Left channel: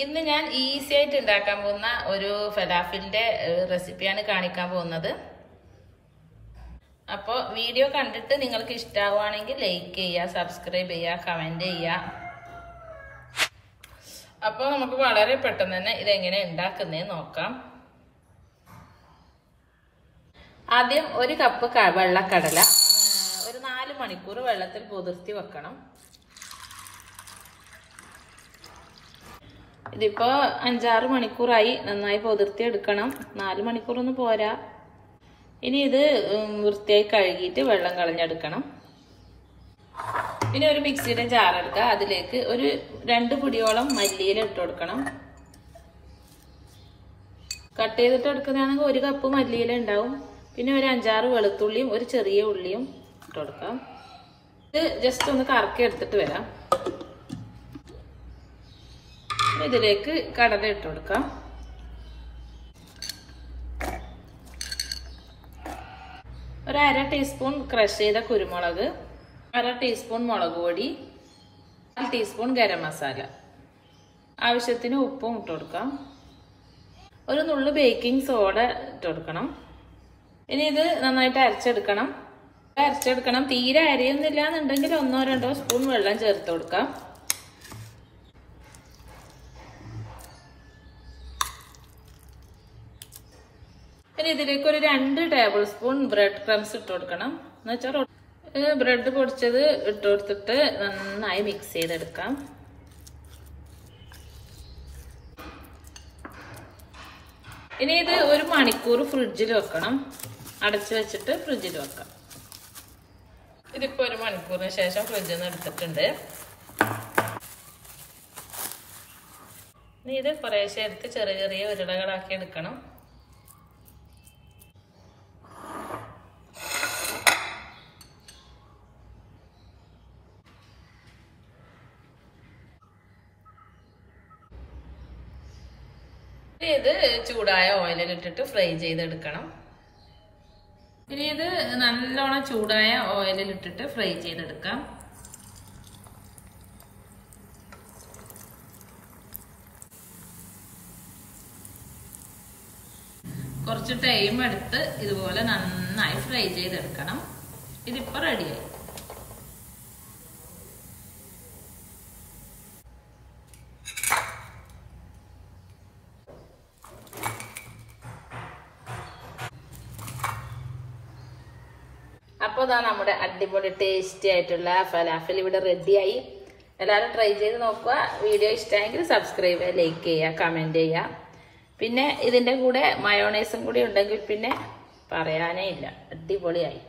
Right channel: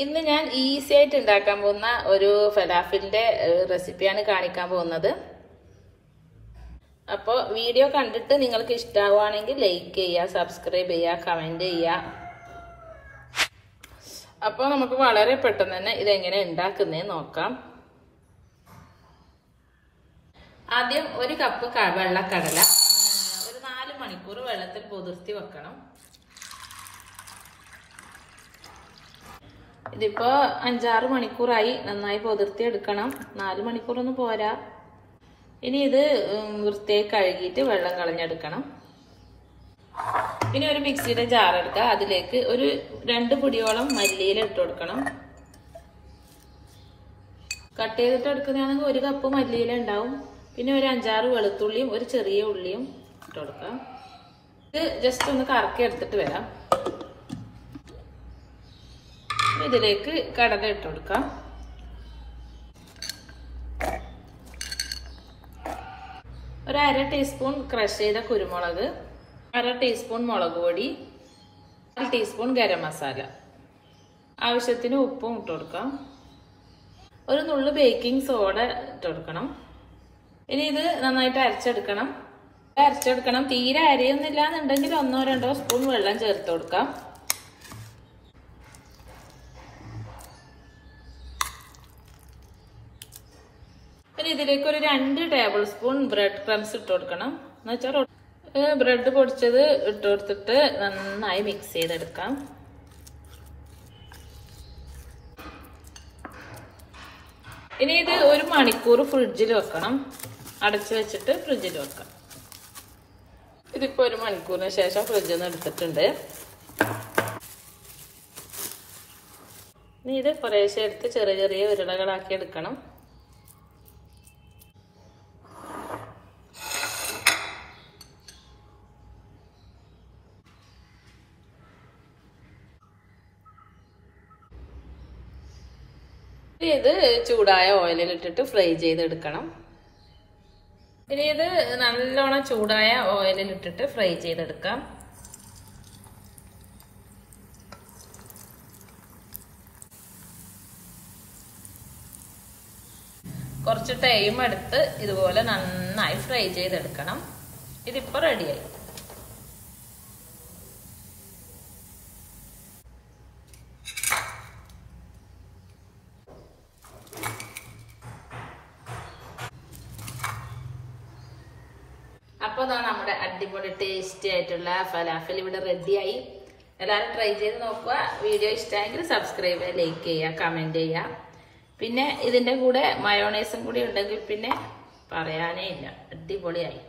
ഇന്ന് ഞാൻ ഈസി ആയിട്ട് ഉണ്ടാക്കാൻ പോകുന്ന ഒരു ഫലാഫിലിന്റെ റെസിപ്പിയാണ് കാണിക്കാൻ പോകുന്നത്. അപ്പോൾ വീഡിയോ കണ്ടിട്ട് നിങ്ങൾക്ക് ഇഷ്ടമാവുകയാണെങ്കിൽ ലൈക്ക് ചെയ്യുക, സബ്സ്ക്രൈബ് ചെയ്യുക, കമന്റ് ചെയ്യുക. അപ്പോൾ നമുക്ക് വളരെ പെട്ടെന്ന് തന്നെ ഇതെങ്ങനെ ഉണ്ടാക്കുന്നതെന്ന് നോക്കാം. ആദ്യം ഒരു കപ്പ് വെള്ളക്കടല ഒരു 4 മണിക്കൂർ വെള്ളത്തിൽ കുതിർത്തി വെക്കണം. ഇതിപ്പോ 5-6 മണിക്കൂറായി. നന്നായി കുതിർത്തി എടുക്കണം. 4 മണിക്കൂറൊന്നും പോരാ. ഇനി ഇത് വൃത്തിയായി കഴുകിയിട്ട് വെള്ളം കളഞ്ഞെടുക്കണം. പിന്നെ ഒരു മിക്സിയുടെ ജാർ എടുക്കുക. അതിലേക്ക് ഒരു 2 പിടിയോളം മല്ലിയില ഇട്ട് കൊടുക്കണം. കട്ട് ചെയ്തിട്ട് എടുക്കുന്നതാണെങ്കിൽ 1 കപ്പ് മല്ലിയില ഉണ്ടാവും. പിന്നെ ഒരു 5-6 വെളുത്തുള്ളിയും ഒരു ചെറിയ ഉള്ളിയും ഇട്ട് കൊടുക്കാം. ഇത് ജസ്റ്റ് ഒന്ന് കറക്കി എടുത്തിട്ട് വരാം. ഇതിലേക്ക് കടല ഇട്ട് കൊടുക്കാം. ഒരു 1/2 ടീസ്പൂൺ ക്രഷ് ചെയ്ത കുരുമുളക്, 1/2 ടീസ്പൂൺ മുളക് പൊടി, 1 ടീസ്പൂൺ ഗരം മസാല, ആവശ്യത്തിന് ഉപ്പും ഇട്ട് കൊടുക്കാം. ഒരു നുള്ളു ബേക്കിംഗ് സോഡ ഇട്ട് കൊടുക്കണം. ഇനി ഇത് നന്നായിട്ട് അരച്ചെടുക്കണം. തീരെ അരയൊന്നുമില്ല എന്നുണ്ടെങ്കിൽ 1-2 സ്പൂൺ വെള്ളം ചേർത്ത് കൊടുക്കാം. പിന്നെ ഇതിലേക്ക് ഒരു 2 ടേബിൾ സ്പൂൺ ബ്രെഡ് ക്രംസ് ഇട്ട് കൊടുക്കണം. എന്ന് വെച്ചാൽ ബ്രെഡ് പൊടിച്ചത് ഇട്ട് കൊടുത്തിട്ട് നന്നായി മിക്സ് ചെയ്തെടുക്കാം. ഇനി ഇത് 1 മണിക്കൂർ ഫ്രിഡ്ജിൽ വെക്കണം. അടച്ചു വെച്ചിട്ട് ഫ്രിഡ്ജിൽ വെക്കാം. ഇതിപ്പോ 1 മണിക്കൂറിന് ശേഷം ഫ്രിഡ്ജിൽ നിന്ന് എടുത്തിട്ടുണ്ട്. ഇനി ഇത് കുറേശ്ശെ എടുത്ത് ചെറിയ ചെറിയ ഉരുളകളാക്കി എടുക്കണം. ഇത് ചൂടായ ഓയിലിൽ ഇട്ടിട്ട് ഫ്രൈ ചെയ്തെടുക്കണം. ഇനി ഇത് നല്ലോണം ചൂടായ ഓയിലിൽ ഇട്ടിട്ട് ഫ്രൈ ചെയ്തെടുക്കാം. കുറച്ച് ടൈം എടുത്ത് ഇതുപോലെ നന്നായി ഫ്രൈ ചെയ്തെടുക്കണം. ഇതിപ്പോ റെഡിയായി. അപ്പോൾ ഇതാ നമ്മുടെ അടിപൊളി ടേസ്റ്റി ആയിട്ടുള്ള ഫലാഫൽ ഇവിടെ റെഡിയായി. എല്ലാവരും ട്രൈ ചെയ്ത് നോക്കുക. വീഡിയോ ഇഷ്ടമായെങ്കിൽ സബ്സ്ക്രൈബ് ചെയ്യുക, ലൈക്ക് ചെയ്യുക, കമന്റ് ചെയ്യുക. പിന്നെ ഇതിന്റെ കൂടെ മയോണൈസും കൂടി ഉണ്ടെങ്കിൽ പിന്നെ പറയാനേ ഇല്ല. അടിപൊളിയായി.